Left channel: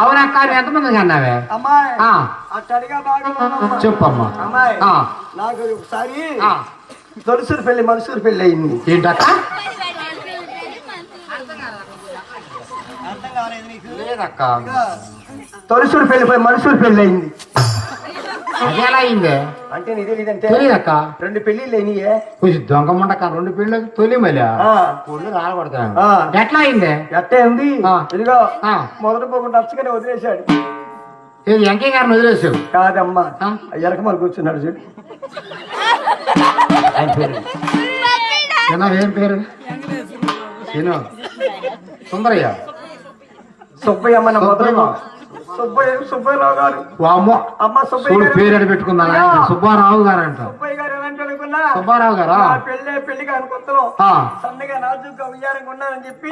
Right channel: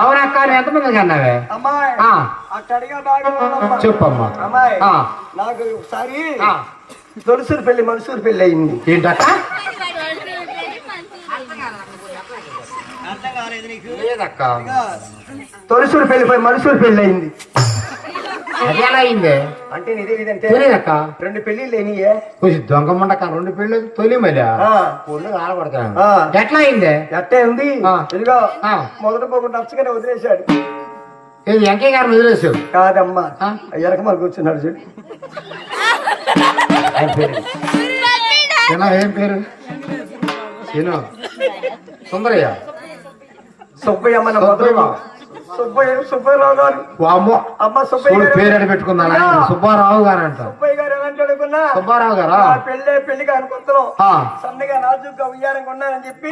అవునక్క ఎంతమంది అన్నావే అమ్మాయి అట్టడిగా బాగా చెప్పమ్మా. అమ్మాయి నాకు ఒకసారి తొలుసూరు పెళ్లి మనసూరు పెళ్లి అయింది. ఏంటక్క? తొలుసూరు పెళ్లి పోయి మనసూరు పెళ్లి అయింది. అది ఎలా అయింది అంటే నీదే లేదంటే తెలియదక్క. 2 పెళ్లిళ్ళు అయినాయే. కొంచెం దొంగమండక 2 పెళ్ళి తొలి మళ్ళీ ఒళ్ళు ఆడబడతాను. ఎట్లా అయింది? ఎట్టే ఉంది ఇదిగో మొదటి పోకుండా నచ్చగానే వదిలేశాడు. ఏది వెంకయ్య గారిని వదిలేసావు? కాదమ్మా ఎలక మరి కూర్చున్నాడు చూడు. ఏం పేరు? సుందరయ్య. సుబ్బయ్య మన సుబ్బయ్యరావు గారు. అమ్మ సుబ్బయ్య పేరు అని పెట్టుకున్నా సుబ్బారావు గారు అంట. సుబ్బయ్య గారు ఏమంటే అనుకున్నా సుబ్బారావు గారా పెళ్లికి ఆయన కొత్తలో సన్నగా నాజుగా ఉయ్యారంగా ఉన్నాయని చెప్పి